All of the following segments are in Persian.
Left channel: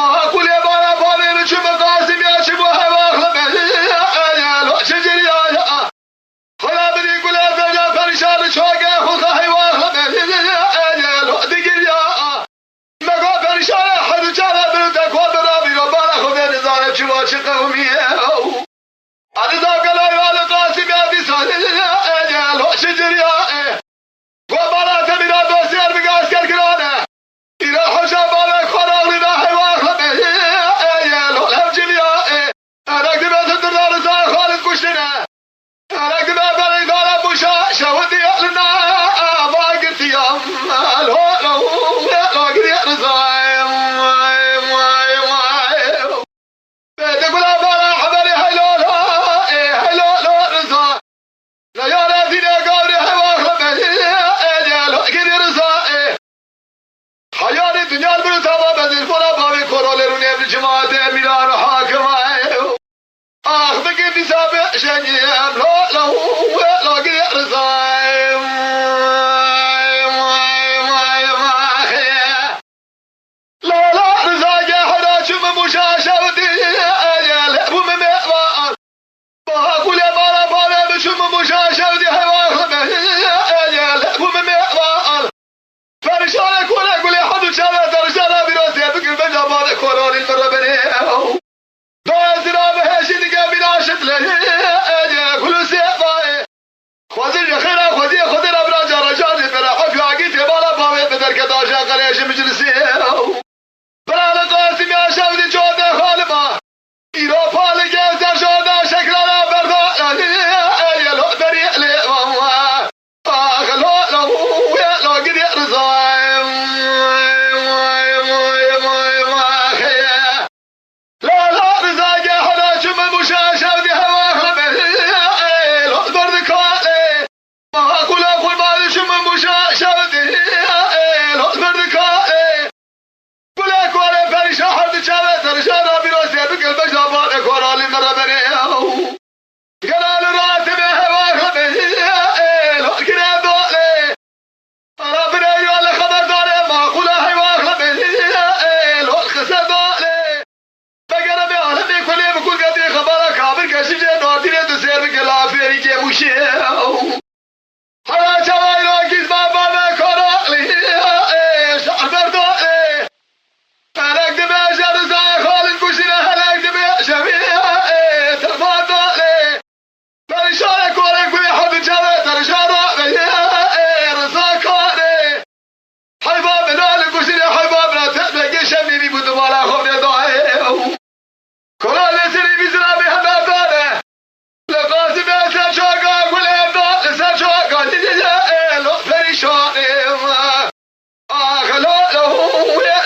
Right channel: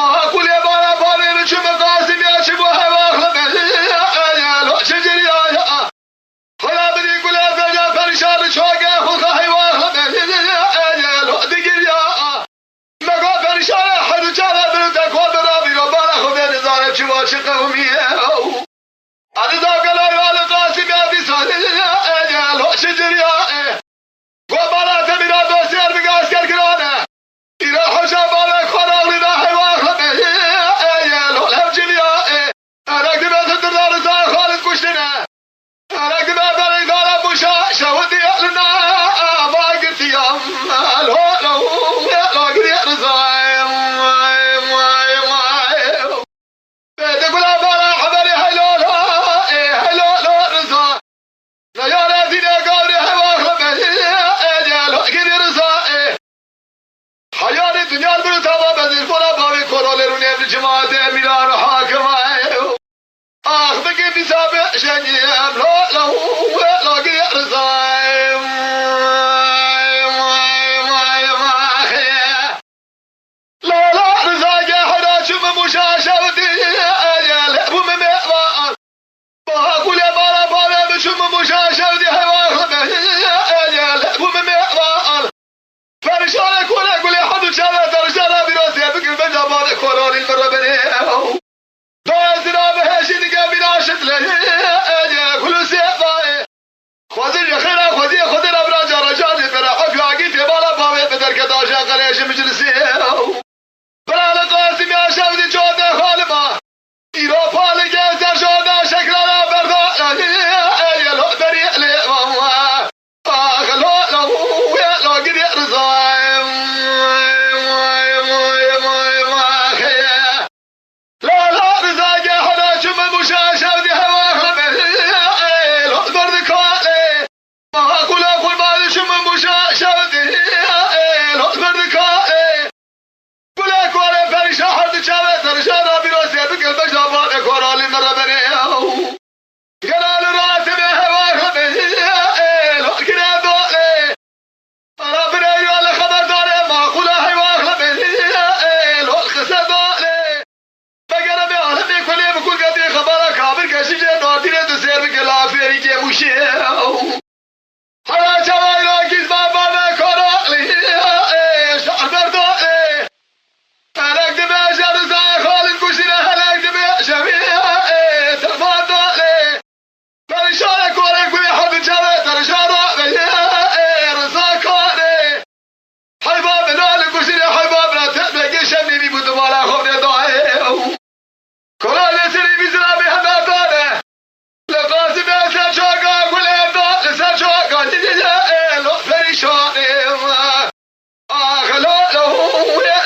ما أقول يا بارا بارين شو مقاسم يا شبو هوا يا لو شجري يا خلا بدي كل أرجع فرشاد شوقه خخ هوا يا لو دقي يا مقا فرشاد حد جالا بردك ودرابي وبارا خبير زارب شو شقومي أنا ذاك لا يا قاسم يا بيسال يا لو شجري يا وبارا تبينا دوسير بقاسير كرانه إلى حساب على خلاص إذا حواخد يا لو الهجل يا أنا كذا تدرنا رزاق خالد كشتنا أنا كذا ترى إذا بوشا شودي لنا ما قلت يا لو قلت رزاق تقول أبانا حبري هلو رزاق لا يا لا فينا قولي حواخد يا لو قلت رزاق حيار الدنيا المرتضى بذل فلا بابي كورولي روني بجماعة ميلان حاكمة بقي بتابع شجيم لا قريع رزايم لا رزاق حدا شم مشاشة ودي وممئران ما أقول يا بارا بارا بشم مشاشة ودي حيوان وممئران فرشالك ولا أقول يا حد شالا فرشالا براسي بقل بجابان كورولي المربني دازنا بهشين قابل عشت له كل سيطاي خذي خيرا خذي الأبراج رجالي ترى حق عقيت بالا باوي بدر كداشا قليش مجلسي بلا لقاسم يا شاودي جودة خالبا إيروبا لقيت شودا شكلنا بردا يا لو دريع لي لو قد يرزايم لا رزاق حدا شم المشاشة بهواه لو برد كالي ما أقول ما شم المشاشة لو برد كالي قل أكوالي فرشا حد شابت رشانا براسي بقل بجابان أكوالي مربني قلال راسي بهواه لو كنا دولي ربنا يوالي خبر دولي ما أقول هواه لو الخسر دولي بقرب يا أهلي كل بكل قدر خبرك عبر كسيجة نادرة تسير بكلا فيري كمشي حيا جواي راكز بابا كورالي شعبر دولي هلاك دماء جرزا خالد كشنا هلاك دماء جميع ترمان دولي فرشارك ورك ويحب الجوات رجارة رزاقاني حباب نال كشنا حبابنا تأتك شميني بدمالا خبنا دعي كورالي سري بزرا بهما دولي لقاسم يا سجاقا ولا دولي سجاقا لو فرشاني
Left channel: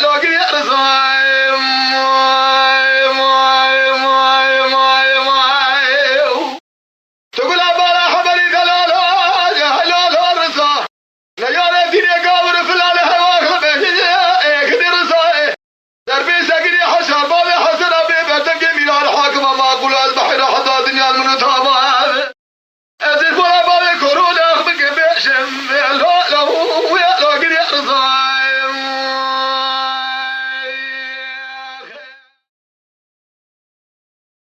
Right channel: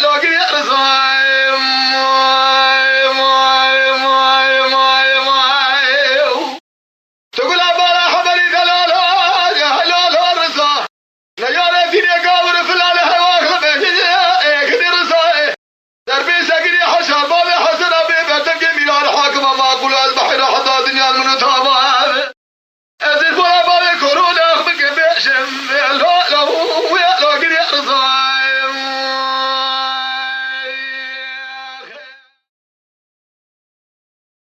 لو قريع رزايم تقول أبانا حبري دلالا يا هلال رزا ليالي فيني قاور فلال هواخ قدي رزاي دربي سقري حشا بابي حسن أبي بدك ميلان حاكم ما أقول البحر حتى دنيا المنطقة